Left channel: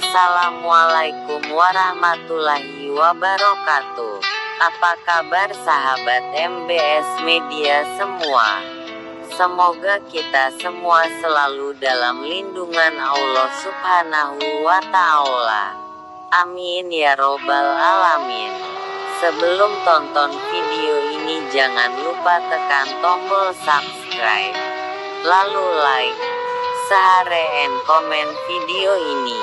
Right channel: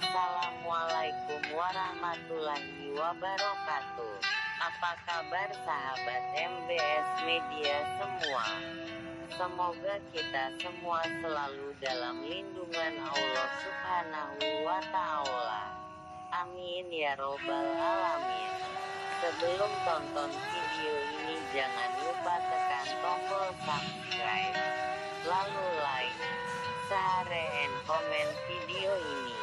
Assalamualaikum warahmatullahi wabarakatuh. Apa kabar sahabat MBS Media semua? Semoga kita semua selalu dalam lindungan Allah Subhanahu wa Ta'ala. Amin ya robbal alamin. Sebelum tonton video ini jangan lupa tekan tombol subscribe, lalu like, share and komen video ini.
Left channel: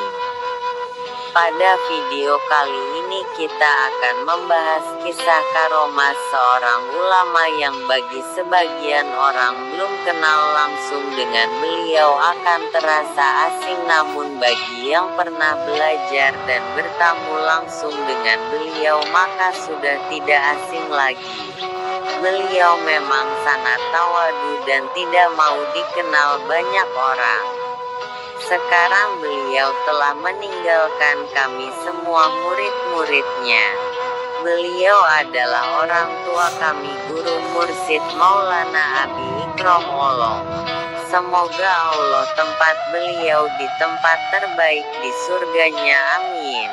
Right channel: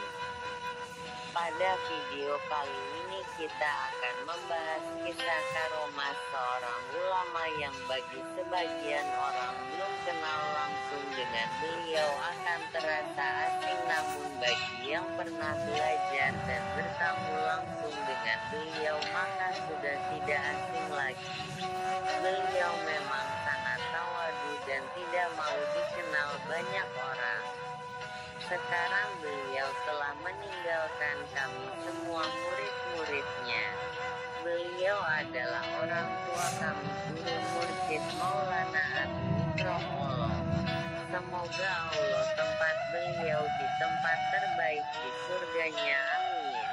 Pada video kali ini kita akan membahas kisah karomah seorang ulama yang bagi sebagian orang belum kenal langsung dengan beliau akan terasa asing, namun bagi yang pernah belajar dan bertamu langsung dengan beliau maka sudah tidak asing lagi. Beliau memang sangat tawadu dan tidak mau dikenal banyak orang. Sekarang beliau telah meninggalkan kami semua murid-muridnya. Beliau adalah orang tua kami, Guru Mursyid Maulana Abi Ikrom Olong. Semoga Allah tempat beliau di tempat terbaik di surganya, amin.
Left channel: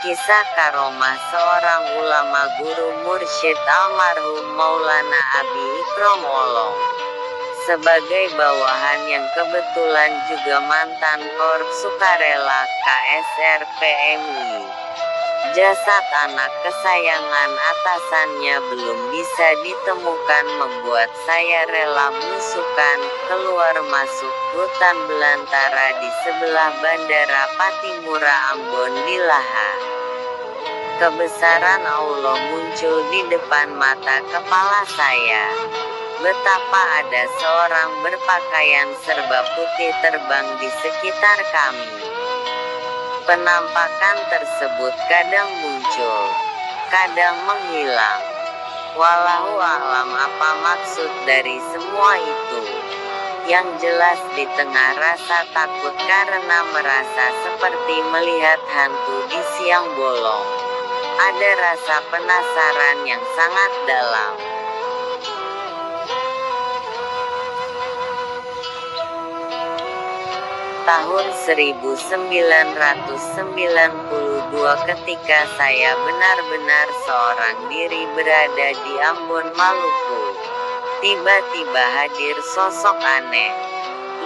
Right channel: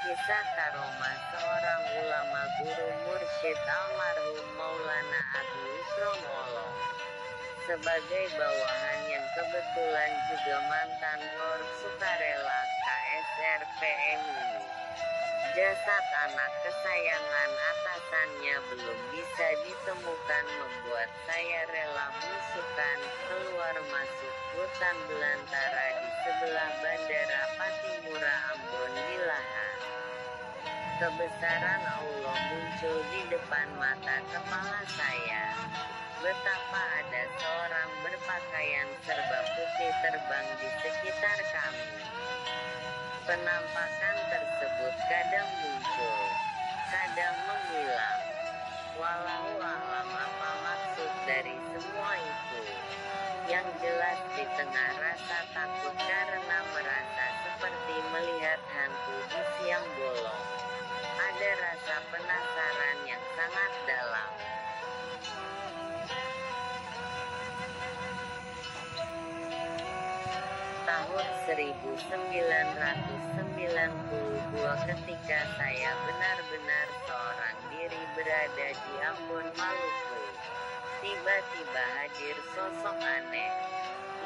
Kisah karomah seorang ulama Guru Mursyid almarhum Maulana Abi Ikrom Olong. Sebagai bawahan yang kebetulan juga mantan Korps Sukarela KSR PMI, jasad anak kesayangan atasannya belum bisa ditemukan membuat saya rela belusukan keluar masuk hutan belantara di sebelah Bandara Patimura Ambon di Laha. Kebesaran Allah muncul di depan mata kepala saya. Betapa ada seorang berpakaian serba putih terbang di sekitar kami. Penampakan tersebut kadang muncul, kadang menghilang. Wallahu a'lam apa maksud dari semua itu. Yang jelas di tengah rasa takut karena merasa seperti melihat hantu di siang bolong, ada rasa penasaran yang sangat dalam. Tahun 1992 ketika saya benar-benar seorang diri berada di Ambon, Maluku, tiba-tiba hadir sosok aneh,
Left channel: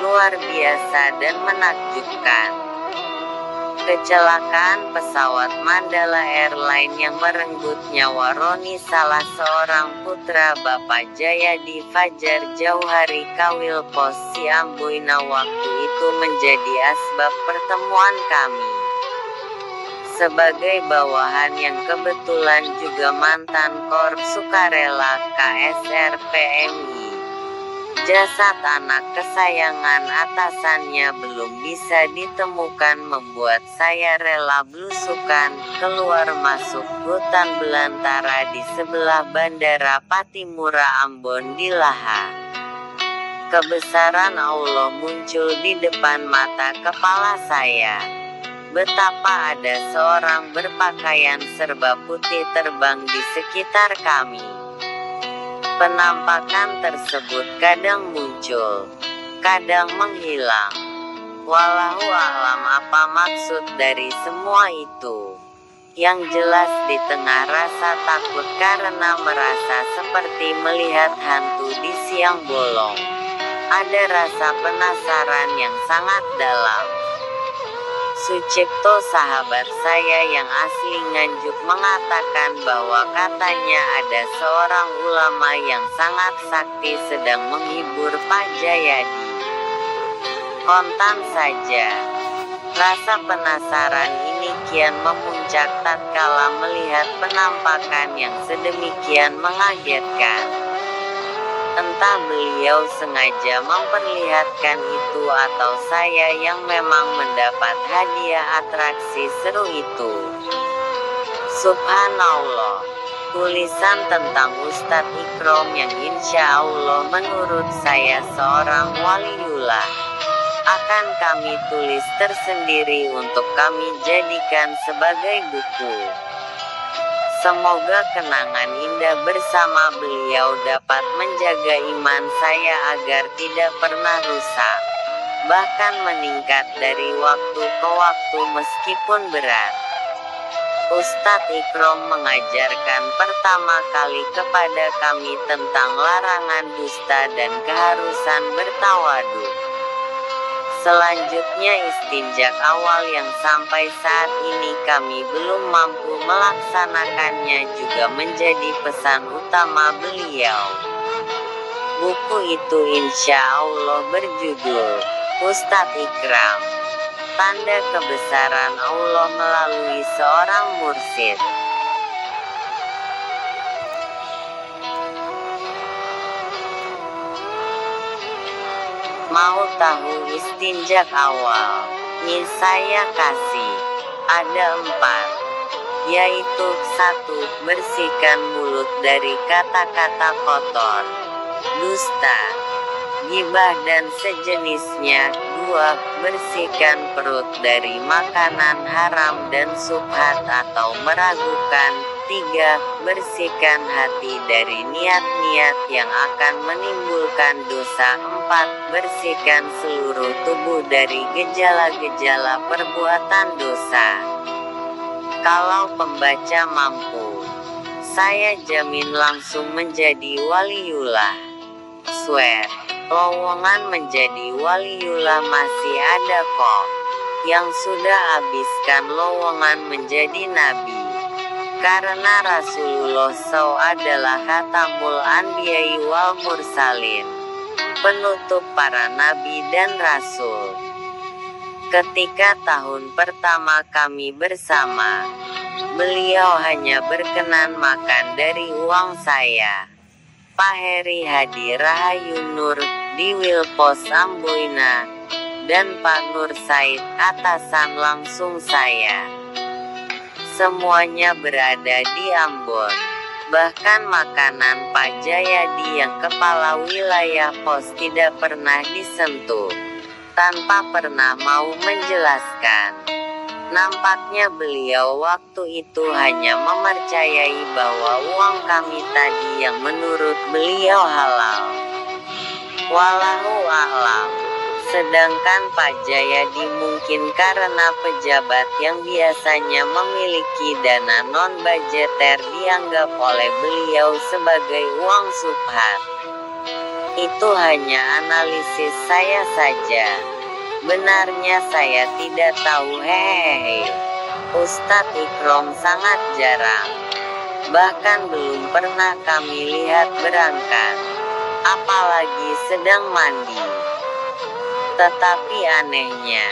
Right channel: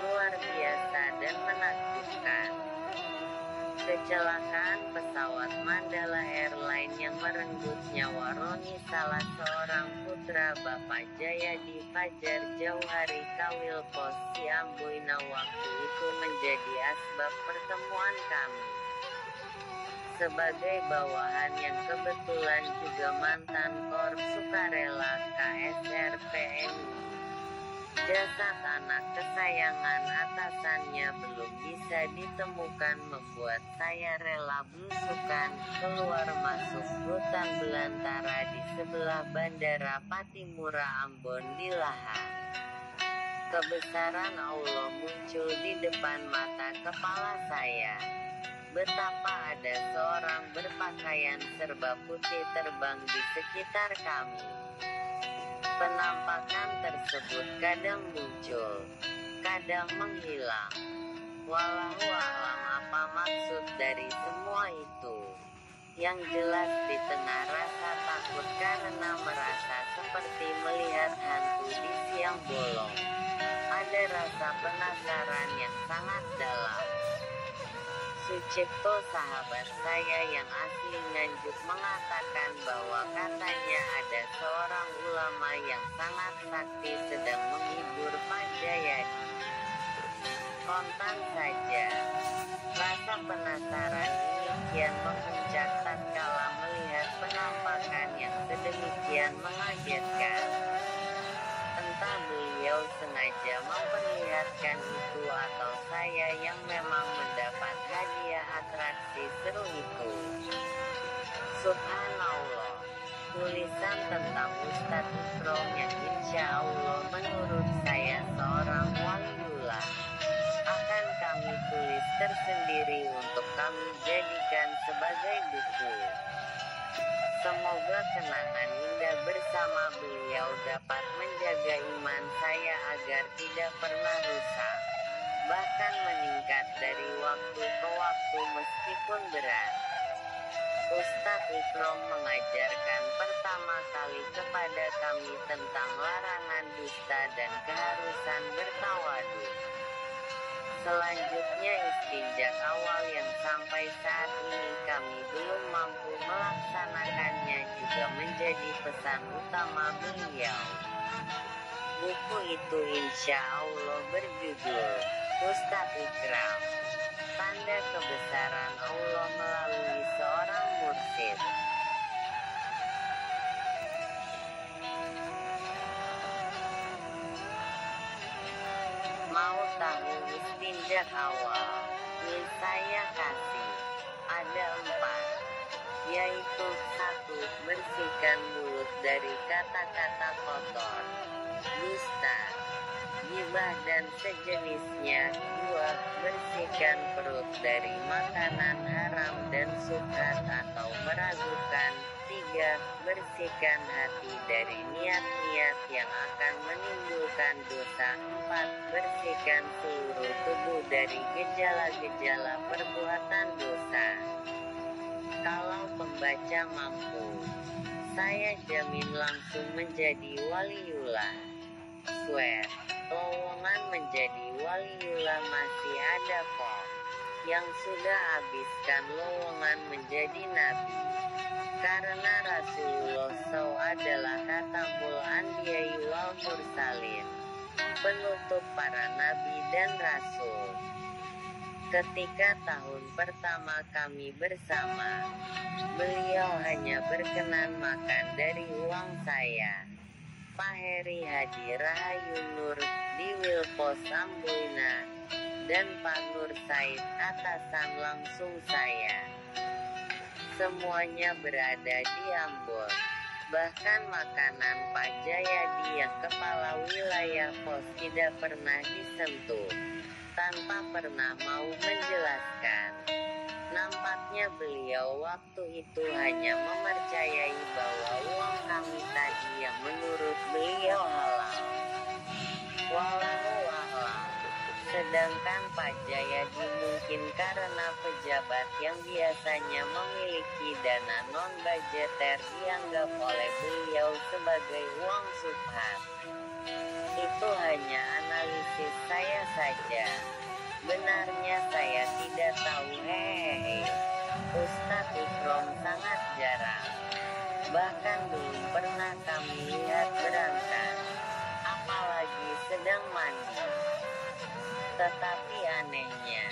luar biasa dan menakjubkan. Kecelakaan pesawat Mandala Airline yang merenggut nyawa Roni, salah seorang putra Bapak Jayadi Fajar Jauhari Kawil Pos Siambuina, waktu itu menjadi asbab pertemuan kami. Sebagai bawahan yang kebetulan juga mantan Korps Sukarela KSR PMI, jasad anak kesayangan atasannya belum bisa ditemukan membuat saya rela belusukan keluar masuk hutan belantara di sebelah Bandara Patimura Ambon di Laha. Kebesaran Allah muncul di depan mata kepala saya. Betapa ada seorang berpakaian serba putih terbang di sekitar kami. Penampakan tersebut kadang muncul, kadang menghilang. Wallahu a'lam apa maksud dari semua itu. Yang jelas di tengah rasa takut karena merasa seperti melihat hantu di siang bolong, ada rasa penasaran yang sangat dalam. Sucipto, sahabat saya yang asli Nganjuk, mengatakan bahwa katanya ada seorang ulama yang sangat sakti sedang menghibur Pak Jayadi. Kontan saja. Rasa penasaran ini kian memuncak tatkala melihat penampakan yang sedemikian mengagetkan. Entah beliau sengaja memperlihatkan itu atau saya yang memang mendapat hadiah atraksi seru itu. Subhanallah. Tulisan tentang Ustadz Ikrom yang insya Allah menurut saya seorang waliullah akan kami tulis tersendiri untuk kami jadikan sebagai buku. Semoga kenangan indah bersama beliau dapat menjaga iman saya agar tidak pernah rusak. bahkan meningkat dari waktu ke waktu meskipun berat. Ustadz Ikrom mengajarkan pertama kali kepada kami tentang larangan dusta dan keharusan bertawadhu. Selanjutnya istinjak awal yang sampai saat ini kami belum mampu melaksanakannya juga menjadi pesan utama beliau. Buku itu insya Allah berjudul Ustadz Ikram, Tanda Kebesaran Allah Melalui Seorang Mursyid. Mau tahu istinjak awal? Saya kasih. Ada 4. Yaitu 1. Bersihkan mulut dari kata-kata kotor, dusta, ghibah dan sejenisnya. 2. Bersihkan perut dari makanan haram dan subhat atau meragukan. 3. Bersihkan hati dari niat-niat yang akan menimbulkan dosa. 4. Bersihkan seluruh tubuh dari gejala-gejala perbuatan dosa. Kalau pembaca mampu, saya jamin langsung menjadi waliullah. Swear, lowongan menjadi waliullah masih ada kok. Yang sudah habiskan lowongan menjadi nabi. Karena Rasulullah SAW adalah khatamul anbiya'i wal mursalin, penutup para nabi dan rasul. Ketika tahun pertama kami bersama, beliau hanya berkenan makan dari uang saya, Pak Heri Hadi Rahayu Nur, di Wilpos Amboina, dan Pak Nur Said atasan langsung saya. Semuanya berada di Ambon. Bahkan makanan Pak Jayadi yang kepala wilayah pos tidak pernah disentuh, tanpa pernah mau menjelaskan. Nampaknya beliau waktu itu hanya mempercayai bahwa uang kami tadi yang menurut beliau halal. Wallahu a'lam. Sedangkan Pak Jayadi mungkin karena pejabat yang biasanya memiliki dana non-budgeter dianggap oleh beliau sebagai uang subhat. Itu hanya analisis saya saja. Benarnya saya tidak tahu. Hehehe. Ustadz Ikrom sangat jarang, bahkan belum pernah kami lihat berangkat, apalagi sedang mandi. Tetapi anehnya,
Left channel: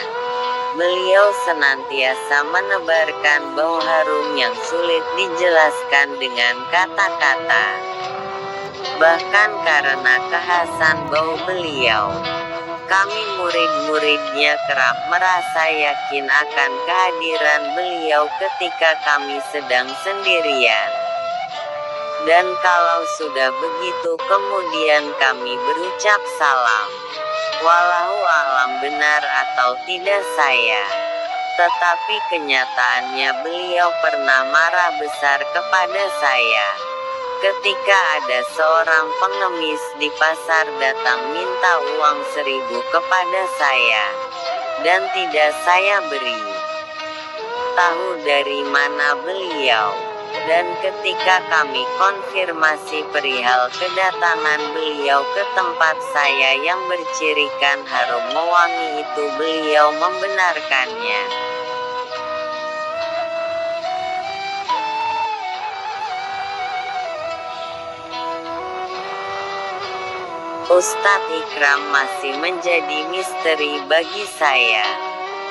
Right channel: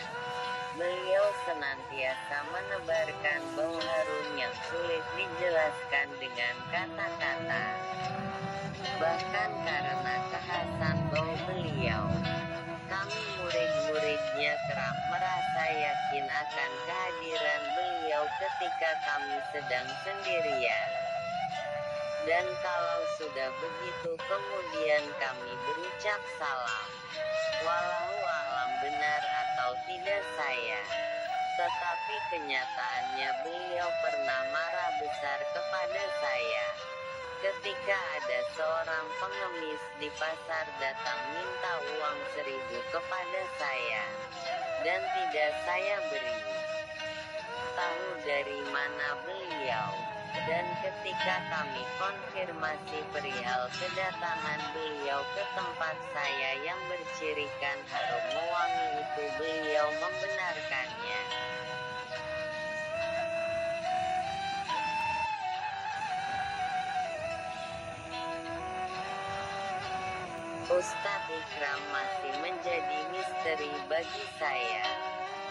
beliau senantiasa menebarkan bau harum yang sulit dijelaskan dengan kata-kata. Bahkan karena kekhasan bau beliau, kami murid-muridnya kerap merasa yakin akan kehadiran beliau ketika kami sedang sendirian. Dan kalau sudah begitu kemudian kami berucap salam. Walau alam benar atau tidak saya. Tetapi kenyataannya beliau pernah marah besar kepada saya. Ketika ada seorang pengemis di pasar datang minta uang 1.000 kepada saya, dan tidak saya beri. Tahu dari mana beliau? Dan ketika kami konfirmasi perihal kedatangan beliau ke tempat saya yang bercirikan harum mewangi itu, beliau membenarkannya. Ustadz Ikram masih menjadi misteri bagi saya.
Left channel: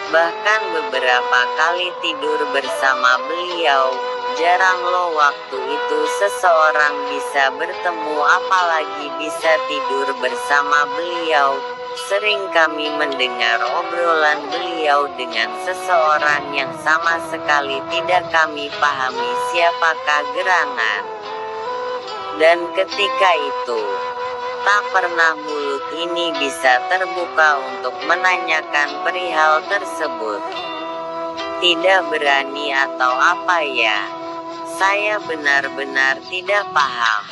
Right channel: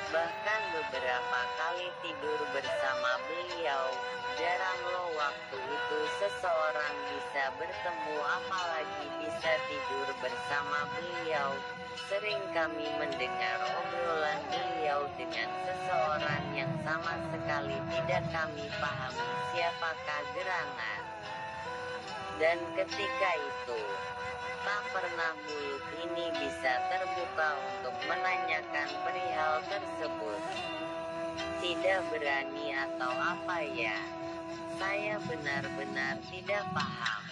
Bahkan beberapa kali tidur bersama beliau, jarang loh waktu itu seseorang bisa bertemu apalagi bisa tidur bersama beliau. Sering kami mendengar obrolan beliau dengan seseorang yang sama sekali tidak kami pahami siapakah gerangan. Dan ketika itu, tak pernah mulut ini bisa terbuka untuk menanyakan perihal tersebut. Tidak berani atau apa ya? Saya benar-benar tidak paham.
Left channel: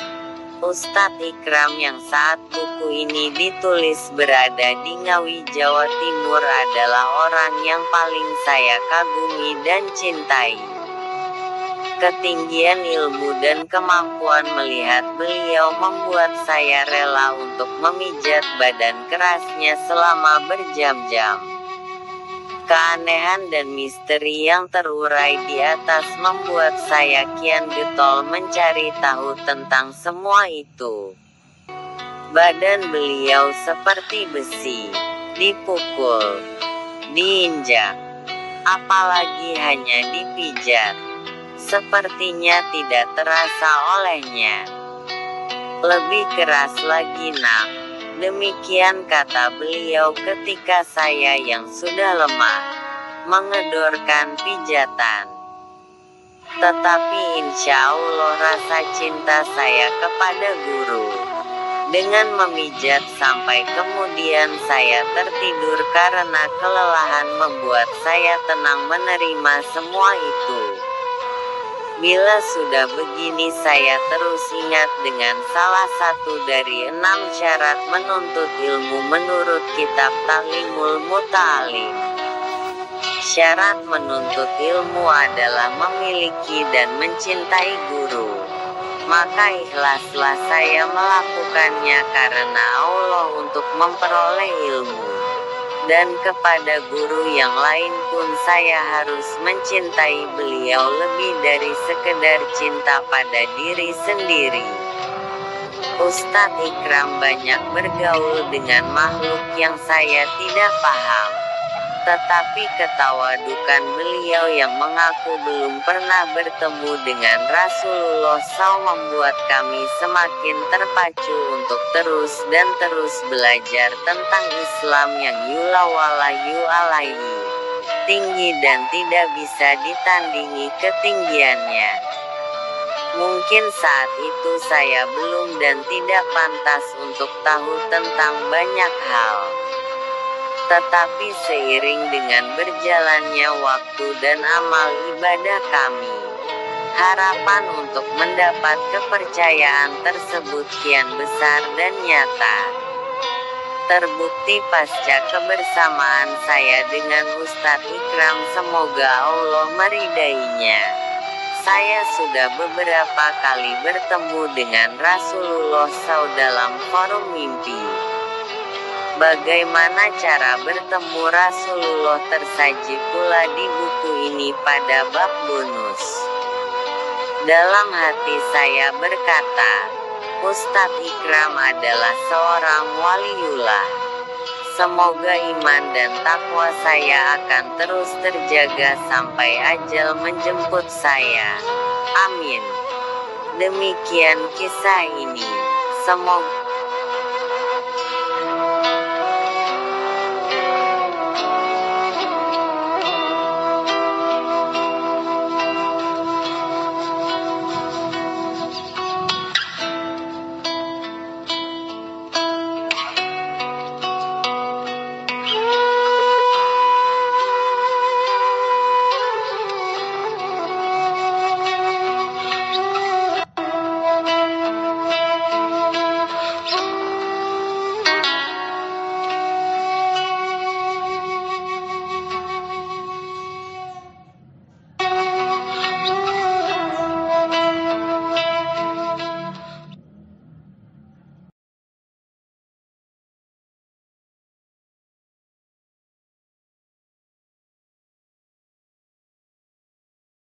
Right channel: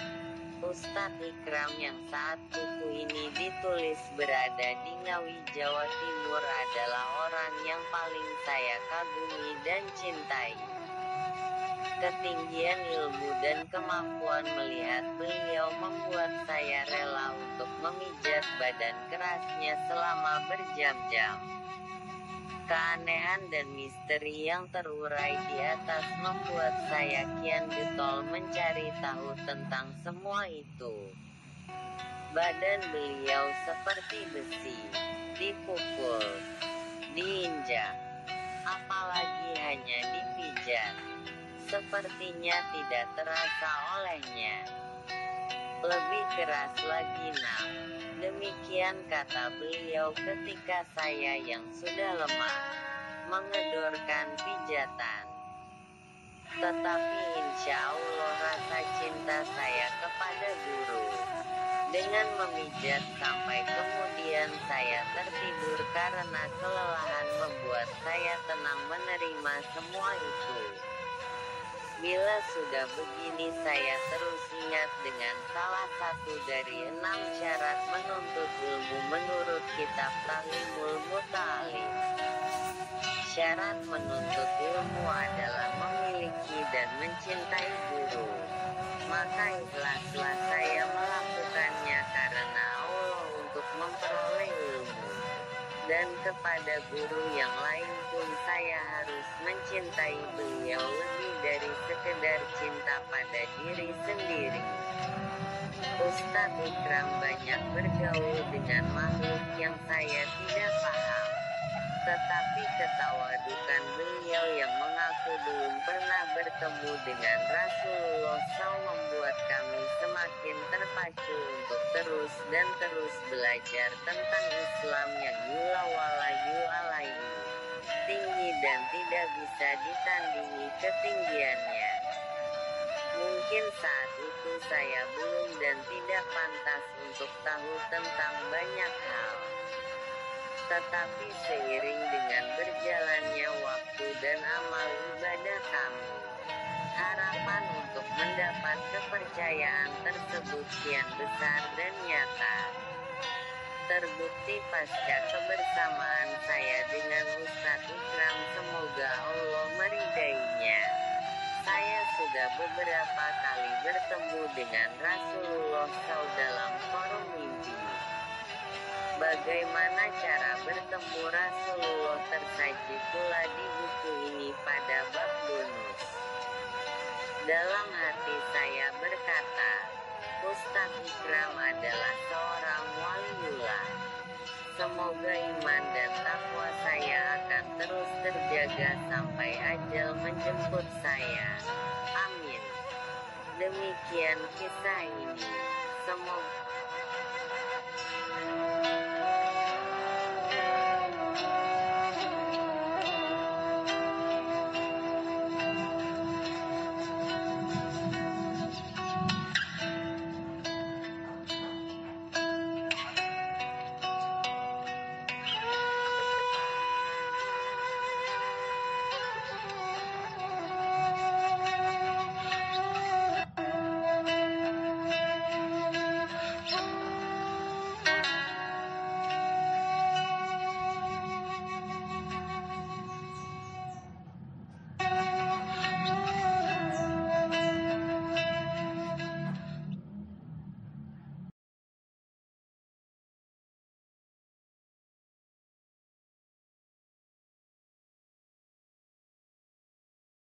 Ustadz Ikram yang saat buku ini ditulis berada di Ngawi, Jawa Timur adalah orang yang paling saya kagumi dan cintai. Ketinggian ilmu dan kemampuan melihat beliau membuat saya rela untuk memijat badan kerasnya selama berjam-jam. Keanehan dan misteri yang terurai di atas membuat saya kian getol mencari tahu tentang semua itu. Badan beliau seperti besi, dipukul, diinjak, apalagi hanya dipijat. Sepertinya tidak terasa olehnya. Lebih keras lagi nak, demikian kata beliau ketika saya yang sudah lemah mengedorkan pijatan. Tetapi insya Allah rasa cinta saya kepada guru. Dengan memijat sampai kemudian saya tertidur karena kelelahan membuat saya tenang menerima semua itu. Bila sudah begini saya terus ingat dengan salah satu dari 6 syarat menuntut ilmu menurut kitab Ta'limul Muta'alim. Syarat menuntut ilmu adalah memiliki dan mencintai guru. Maka ikhlaslah saya melakukannya karena Allah untuk memperoleh ilmu. Dan kepada guru yang lain pun saya harus mencintai beliau lebih dari sekedar cinta pada diri sendiri. Ustadz Ikram banyak bergaul dengan makhluk yang saya tidak paham. Tetapi ketawadukan beliau yang mengaku belum pernah bertemu dengan Rasulullah SAW membuat kami semakin terpacu untuk terus dan terus belajar tentang Islam yang yulawalahu alaihi, tinggi dan tidak bisa ditandingi ketinggiannya. Mungkin saat itu saya belum dan tidak pantas untuk tahu tentang banyak hal. Tetapi seiring dengan berjalannya waktu dan amal ibadah kami, harapan untuk mendapat kepercayaan tersebut kian besar dan nyata. Terbukti pasca kebersamaan saya dengan Ustadz Ikram, semoga Allah meridainya. Saya sudah beberapa kali bertemu dengan Rasulullah SAW dalam forum mimpi. Bagaimana cara bertemu Rasulullah tersaji pula di buku ini pada bab bonus. Dalam hati saya berkata, Ustadz Ikram adalah seorang waliullah. Semoga iman dan takwa saya akan terus terjaga sampai ajal menjemput saya. Amin. Demikian kisah ini. Semoga